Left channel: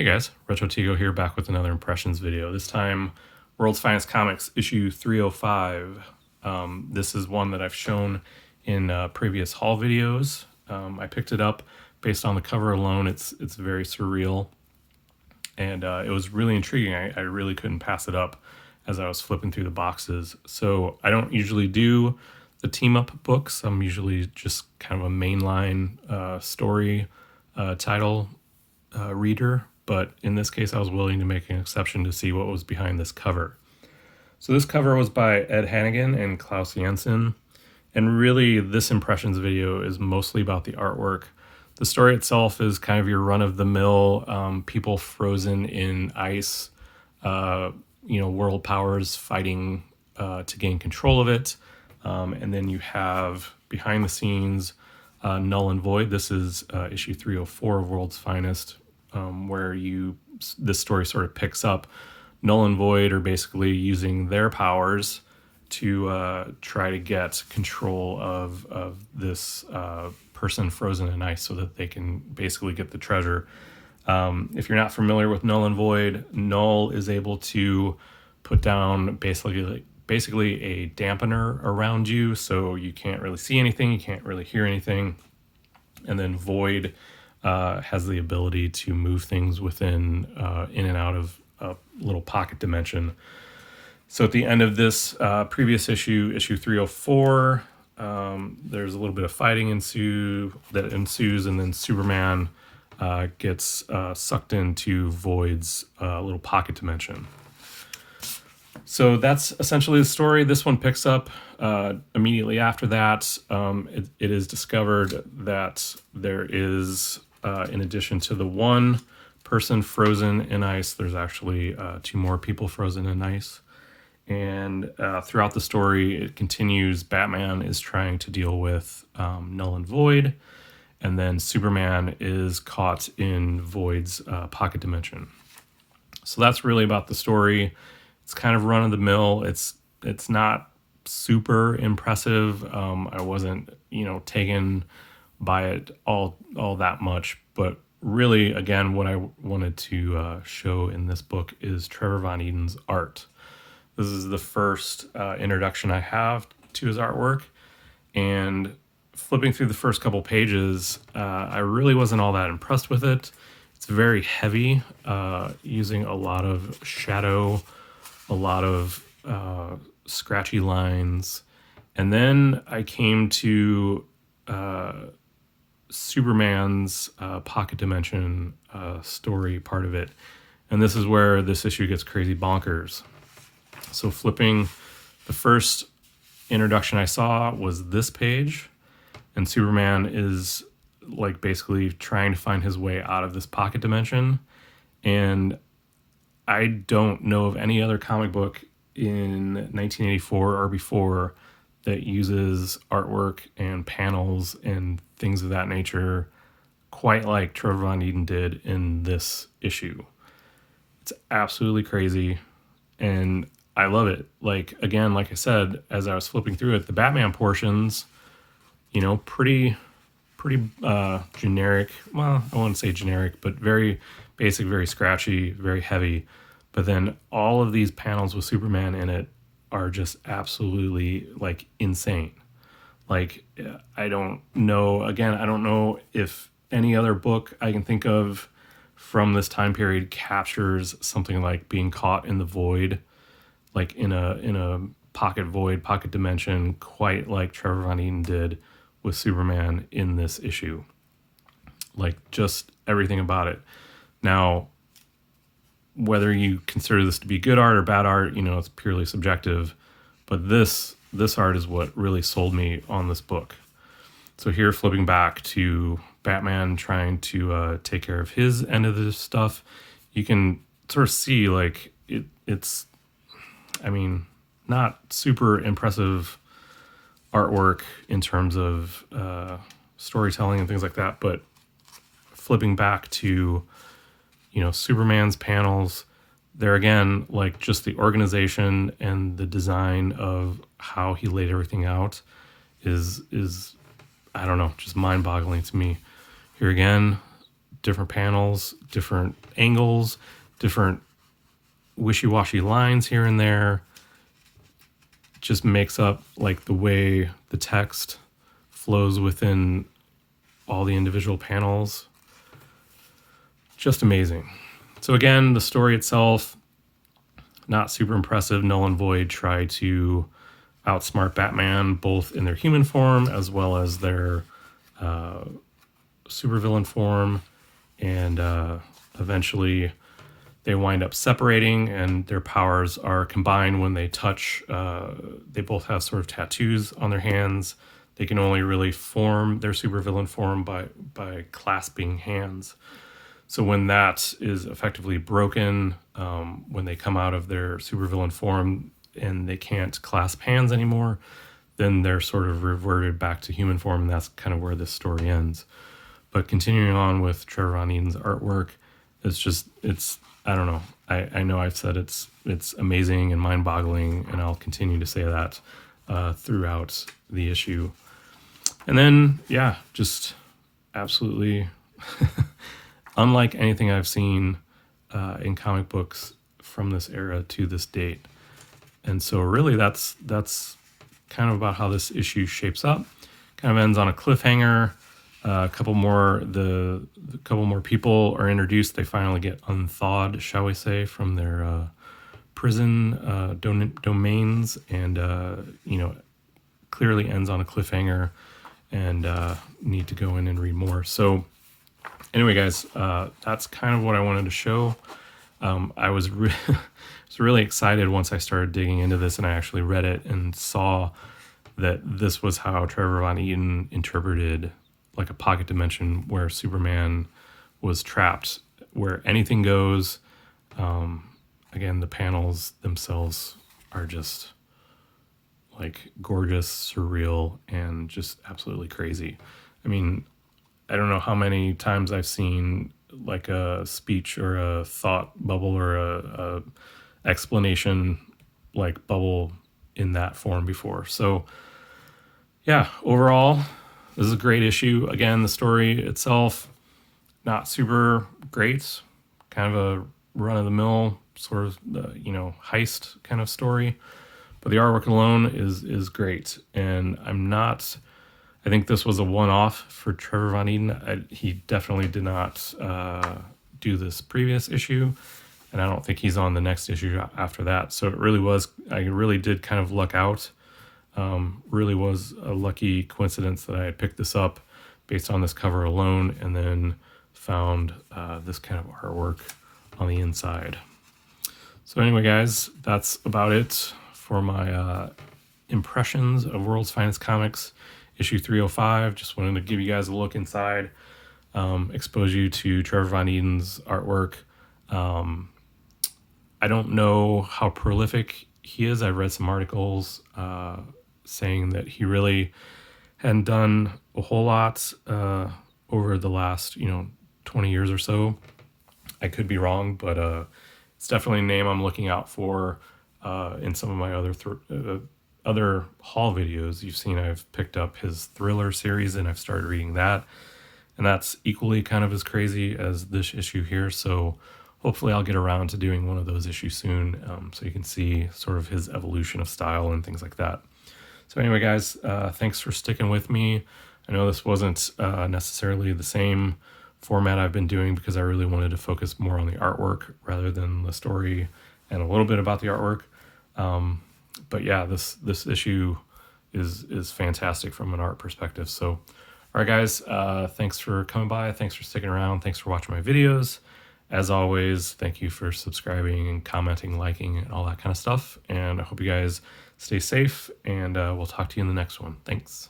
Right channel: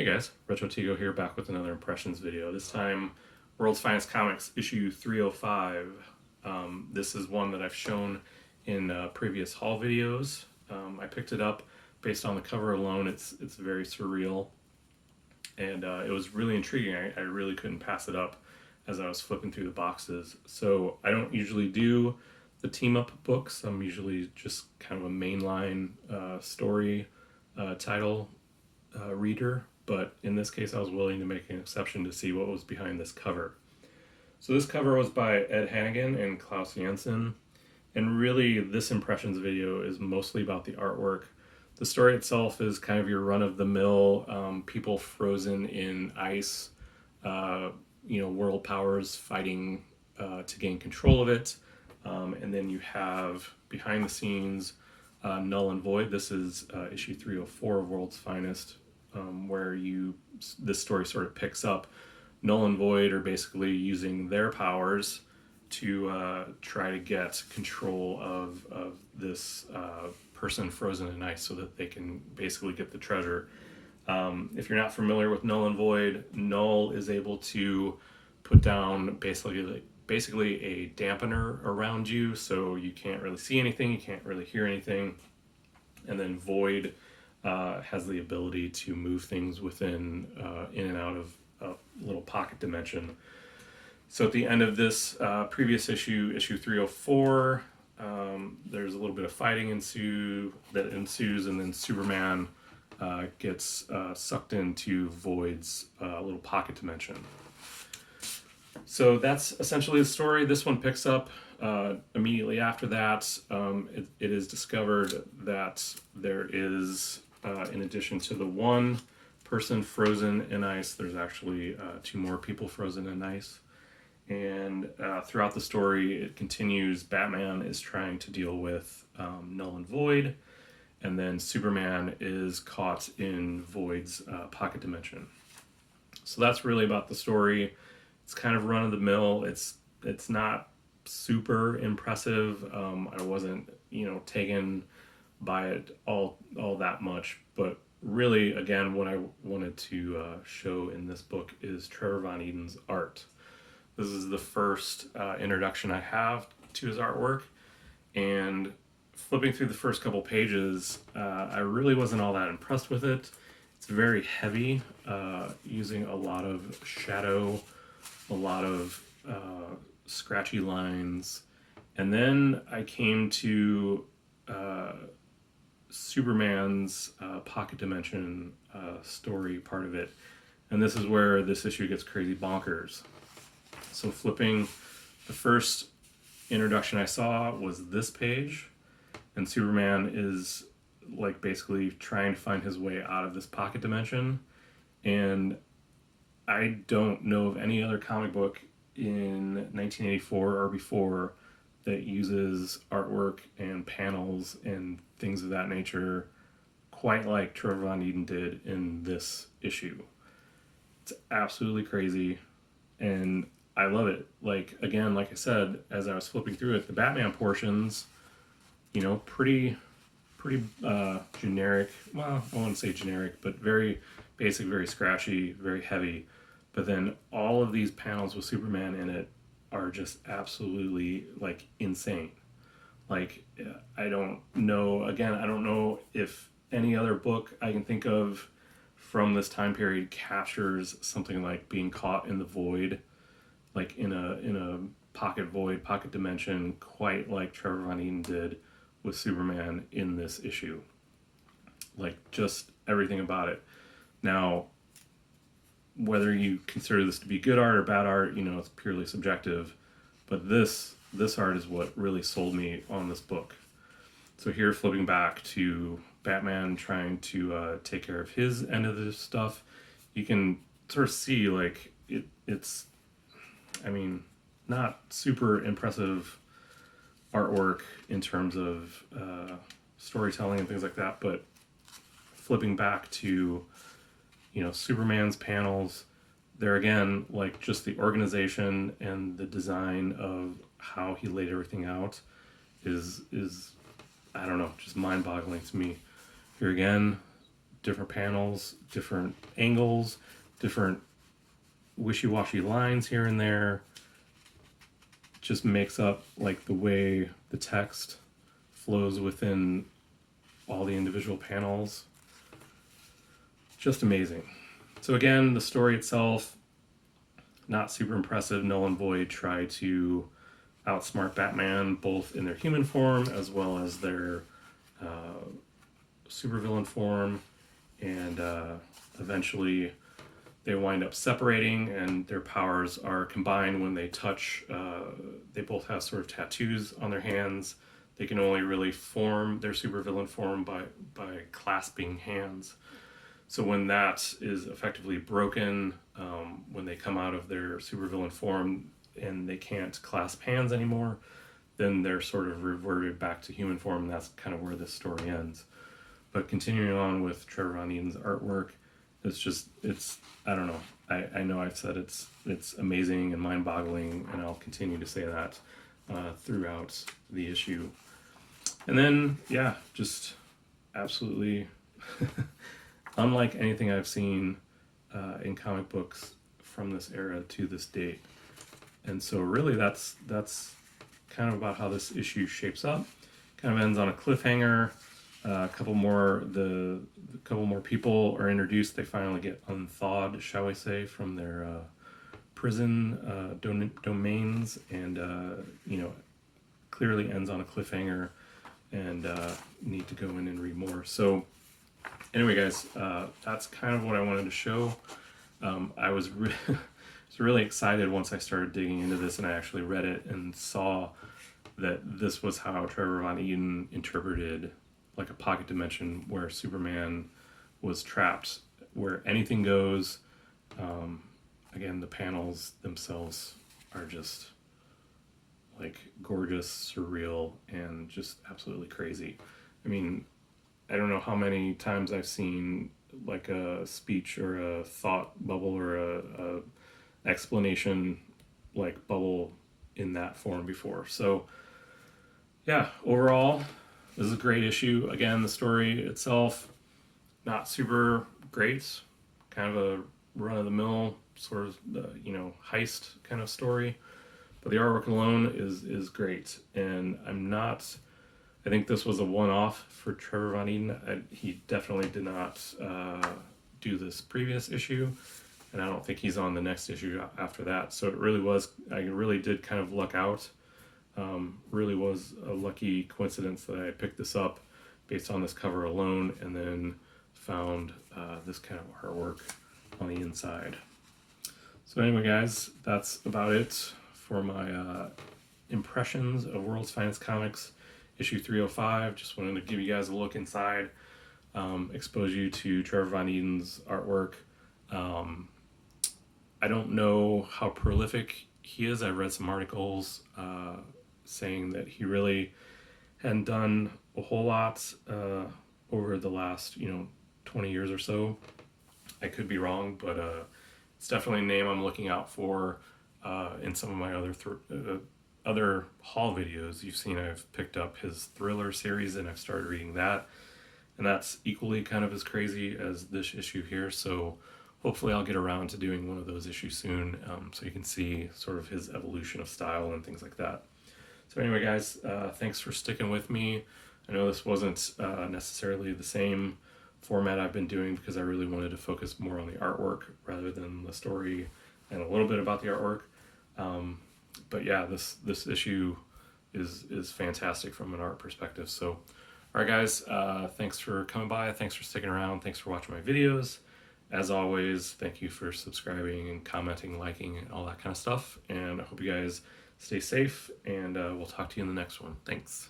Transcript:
Hey guys, Retro Tigo here, back with another impressions video. This time, World's Finest Comics issue 305. This is one that I've shown in previous haul videos. I picked it up based on the cover alone. It's very surreal, and it was really intriguing. I really couldn't pass it up as I was flipping through the boxes. So I don't usually do the team up books. I'm usually just kind of a mainline story title reader, but in this case I was willing to make an exception to see what was behind this cover. So this cover was by Ed Hannigan and Klaus Janson, and really this impressions video is mostly about the artwork. The story itself is kind of your run-of-the-mill people frozen in ice, world powers fighting to gain control of it, and then you have behind the scenes Null and Void. This is issue 304 of World's Finest, where this story sort of picks up. Null and Void are basically using their powers to try to get control of this person frozen in ice so that they can basically get the treasure. If you're not familiar with Null and Void, Null is able to put down basically a dampener around you, so you can't really see anything, you can't really hear anything. And then Void has the ability to move things within, in and out of a little pocket dimension. So at the end of this previous issue 304, there's a little bit of fighting that ensues, and then Superman gets sucked into Void's little pocket dimension. So that's essentially the story. This one picks up immediately after that. It is discovered that there is, in addition to the one person frozen in ice, there's actually two more people frozen in ice. And throughout the story, it continues. Batman is trying to deal with Null and Void, and then Superman is caught in Void's pocket dimension. So that's really about the story. It's kind of run of the mill. It's not super impressive. I wasn't taken by it all that much, but really, again, what I wanted to show in this book is Trevor Von Eaton's art. This is the first introduction I have to his artwork, and flipping through the first couple pages, I really wasn't all that impressed with it. It's very heavy, using a lot of shadow, a lot of scratchy lines. And then I came to Superman's pocket dimension story part of it. And this is where this issue gets crazy bonkers. So flipping, the first introduction I saw was this page, and Superman is like basically trying to find his way out of this pocket dimension. And I don't know of any other comic book in 1984 or before that uses artwork and panels and things of that nature quite like Trevor Von Eaton did in this issue. It's absolutely crazy, and I love it. Like, again, like I said, as I was flipping through it, the Batman portions, pretty generic. Well, I wouldn't say generic, but very basic, very scratchy, very heavy. But then all of these panels with Superman in it are just absolutely like insane. Like, I don't know if any other book I can think of from this time period captures something like being caught in the void, like in a pocket dimension, quite like Trevor Von Eaton did with Superman in this issue. Like, just everything about it. Now, whether you consider this to be good art or bad art, it's purely subjective. But this art is what really sold me on this book. So here, flipping back to Batman trying to take care of his end of this stuff, you can sort of see like it's, not super impressive artwork in terms of storytelling and things like that, but flipping back to Superman's panels, there again, like, just the organization and the design of how he laid everything out is I don't know, just mind-boggling to me. Here again, different panels, different angles, different wishy-washy lines here and there. Just makes up like the way the text flows within all the individual panels. Just amazing. So again, the story itself, not super impressive. Null and Void try to outsmart Batman both in their human form as well as their supervillain form, and eventually they wind up separating, and their powers are combined when they touch. They both have sort of tattoos on their hands. They can only really form their supervillain form by clasping hands. So when that is effectively broken, when they come out of their supervillain form and they can't clasp hands anymore, then they're sort of reverted back to human form, and that's kind of where this story ends. But continuing on with Trevor Von Eaton's artwork, it's I don't know. I know I've said it's amazing and mind-boggling, and I'll continue to say that throughout the issue. And then, yeah, just absolutely unlike anything I've seen in comic books from this era to this date. And so really that's kind of about how this issue shapes up. Kind of ends on a cliffhanger. A couple more people are introduced. They finally get unthawed, shall we say, from their prison domains, and clearly ends on a cliffhanger, and need to go in and read more. So anyway, guys, that's kind of what I wanted to show. I was really excited once I started digging into this and I actually read it and saw that this was how Trevor Von Eaton interpreted like a pocket dimension where Superman was trapped, where anything goes. Again, the panels themselves are just like gorgeous, surreal, and just absolutely crazy. I mean, I don't know how many times I've seen like a speech or a thought bubble or a explanation like bubble in that form before. So yeah, overall, this is a great issue. Again, the story itself, not super great, kind of a run-of-the-mill sort of heist kind of story, but the artwork alone is great. And I think this was a one-off for Trevor Von Eaton. He definitely did not do this previous issue, and I don't think he's on the next issue after that. So I really did kind of luck out. Really was a lucky coincidence that I had picked this up based on this cover alone, and then found this kind of artwork on the inside. So anyway, guys, that's about it for my impressions of World's Finest Comics issue 305. Just wanted to give you guys a look inside, expose you to Trevor Von Eaton's artwork. I don't know how prolific he is. I've read some articles saying that he really hadn't done a whole lot over the last 20 years or so. I could be wrong, but it's definitely a name I'm looking out for in some of my other haul videos. You've seen I've picked up his Thriller series and I've started reading that, and that's equally kind of as crazy as this issue here. So hopefully I'll get around to doing one of those issues soon, so you can see sort of his evolution of style and things like that. So anyway, guys, thanks for sticking with me. I know this wasn't necessarily the same format I've been doing because I really wanted to focus more on the artwork rather than the story and a little bit about the artwork. But yeah, this issue is fantastic from an art perspective. So, all right, guys, thanks for coming by. Thanks for sticking around. Thanks for watching my videos. As always, thank you for subscribing and commenting, liking, and all that kind of stuff. And I hope you guys stay safe, and we'll talk to you in the next one. Thanks.